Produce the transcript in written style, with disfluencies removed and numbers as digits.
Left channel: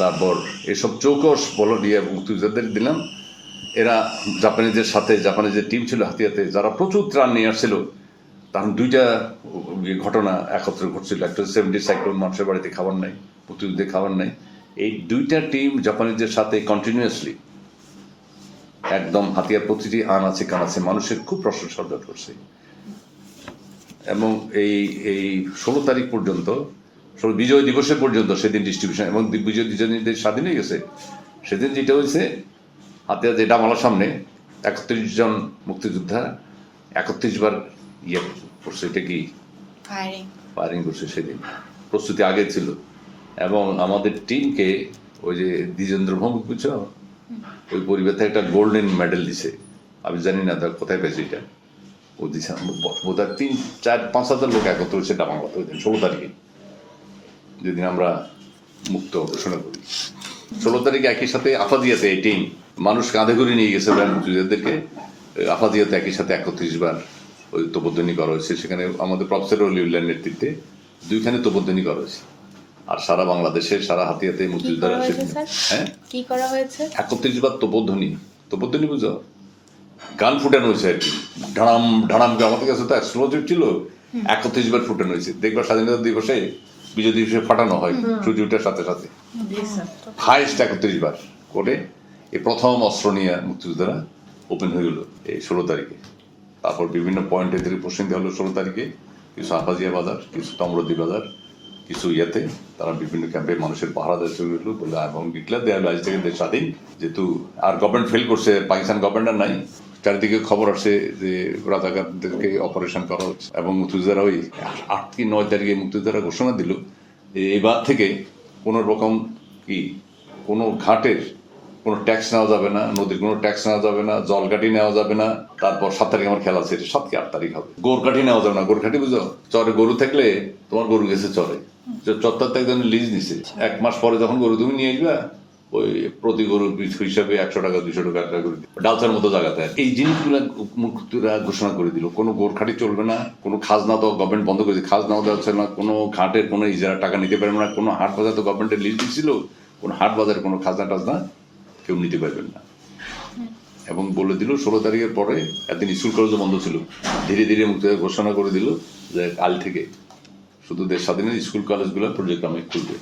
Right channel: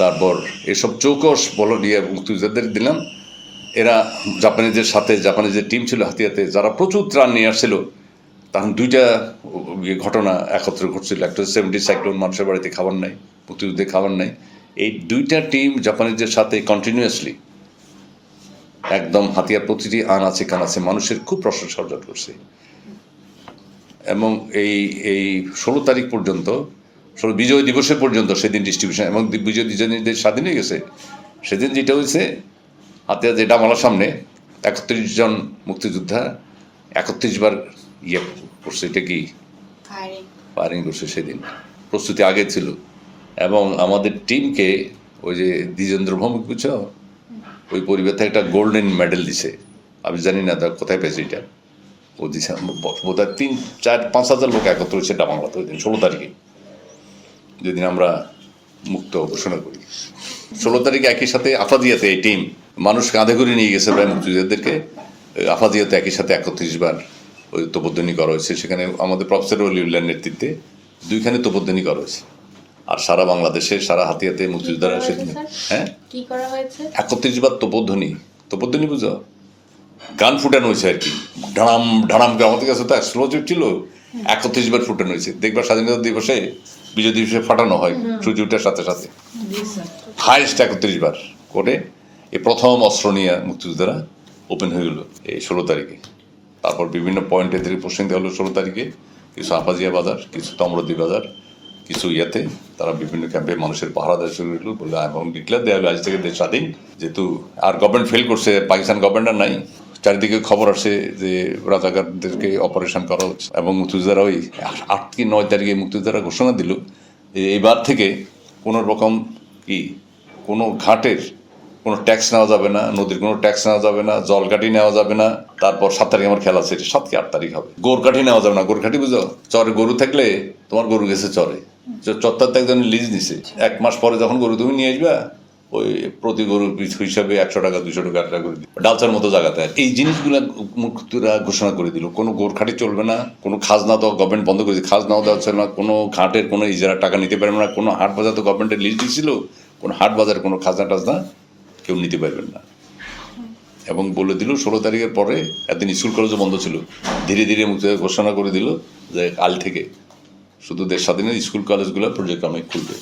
তারপর এসব চৌকস বলো দিয়ে মুক্তিযোদ্ধাদের দিলাম। এরা জাপানিজের সাথে জাপানিজের টিম ছিল হাতিয়াতে, যারা প্রচুর ত্রাণ নিয়ে আসছিল। তখন দুইটা ঘটনা একত্রে ঘটছিল, একটা 70 সাইক্লোন, মানুষের বাড়িতে খাবার নাই, মুক্তিযুদ্ধে খাবার নাই। এই দুইটা টিম জাপানিজের সাথে কন্টিনিউয়াসলি একদম হাতিয়ার প্রতিটি আনাচে কানাচে মানুষের খুব প্রশংসা অর্জন করছে। এবং এই 16 তারিখ পর্যন্ত, বিজয় দিবসের পর্যন্ত সেদিন ডিস্ট্রিবিউশন, এবং বিজয় দিবস স্বাধীন হয়ে গেছে সেদিন যেটা হয়েছে, হাতিয়া যেটা আমার সামনে 31 জন মুক্তিযোদ্ধা 31 বার ইয়ে করছে, এটা কি ফায়ারিং করছে। সেদিন প্রস্তুতি আগে ছিল। এবং আমাদের টিমকে ওই যে দ্বিজেন্দ্র ভৌমিক, বুঝছো, ওই পরিবার থেকে একটা গোল্ডেন মেডেল দিছে। আমি জানি না কোথায় পেয়েছে এটা। ও দিছে বোধহয় 3-4-5 হাজার লোক একত্র হয়েছে ডামাংলাতে ওই দিন 16 তারিখে, যেদিন আমরা মুক্ত ঘোষণা করি। 16 তারিখে একই সাথে আফাদিয়াতে এই টিম মানুষ কাঁধে করে নিয়ে গেছে প্রায় মুক্তিযোদ্ধাদেরকে। আফাদিয়াতে একই সাথে 31 বার ওই তোপধ্বনি করা হয়েছে। সেখানে আমাদের প্রফেসর অলিউল্লাহর নেতৃত্বে 2খানে তোপধ্বনি করা হয়েছে। আর সারা বাংলাদেশে, সারা হাতিয়াতে মুক্তিযোদ্ধারা সেদিন, হ্যাঁ, কি করা হয়েছে, 31 বার তোপধ্বনি বুঝো, গান ফুটানো হয়েছে আর কি। ঢাড়াম ঢাড়াম, আমাদের কাছে তো স্লো ছিল, 31 বার ফুটানো হয়েছে। দেখবা স্বাধীনতা দিবসে, বিজয় দিবসে ফাটানো হয় সূর্য ওঠার সাথে সাথে। হাইস্ট 31 বার করে এই প্রথম অস্ত্র নিয়ে মুক্তিযোদ্ধারা ওপেন হয়ে গেল এই 16 তারিখে। তারপর বিভিন্ন পয়েন্টে থেকে পোস্টিং দেওয়া হলো 16 তারিখে। কিছু আফাজিয়া বাজার, কিছু তমরদি বাজার, কিছু ইয়াতে তারা বিভিন্ন ক্যাম্পে মানুষের পাহারা দেওয়া শুরু করলো বলে, এবং ডিক্লেয়ার দেওয়া হলো আজ থেকে দেশ স্বাধীন। যেহেতু আর গভর্নমেন্ট ফেল করছে, পাকিস্তান গভর্নমেন্ট নাই, চারিদিকে খবর আসছে যে রাজাকারদেরকে অপারেশন করা হচ্ছে। এবং মুক্তিযোদ্ধারা ওই 8 কি 9 তারিখে মুক্তিযোদ্ধারা ঘোষণা দিল যে এইবার থেকে কোনো রকম কোনো ঘাটের কোনো ট্যাক্স নেওয়া যাবে না, নদীর কোনো ট্যাক্স নেওয়া যাবে না, জলকাঠি নেওয়া যাবে না। তারপর 7 তারিখ আমার খেলা আছে, 7 কি 8 তারিখ হবে। গোরকাঠি নেওয়া যাবে না। গোরকাঠি বুঝো, চরে গরু থাকলে তোমার গরু গেছে চরে, চত্বর তো একজন লিজ নিছে, 1 মাস পরে যখন গরু তুমি নিয়ে আসবে, ওই প্রতি গরু হিসাবে 100 টাকা 200 টাকা একটা করে দিবে, ডালচার মতো জায়গাতে। এই জিনিসগুলা মুক্তিরা ঘোষণা করে দিল। কোনো গোরখাটি চলবে না, কোনো খাজনা তো গভর্নমেন্ট বন্ধ করেছে, খাজনাও দেওয়া হচ্ছে না, কোনো ঘাটের কোনো ইজারা টাকা নিতে পারবে না, কোনো হাট বাজার তো গভর্নমেন্টের লিজ দিচ্ছিল, কোনো হাট বাজারে কোনো খাজনা টাজনা কেউ নিতে পারবেন না। এবং বলে দিল 16 তারিখের পরে, একদিন স্কুল কলেজও বন্ধ ছিল, ধীরে ধীরে মুক্তিযোদ্ধা ঘোষণা করে দিল যে কাল থেকে শুধু দেশ স্বাধীনের স্কুল কলেজগুলো পর্যায়ক্রমে খুলবে।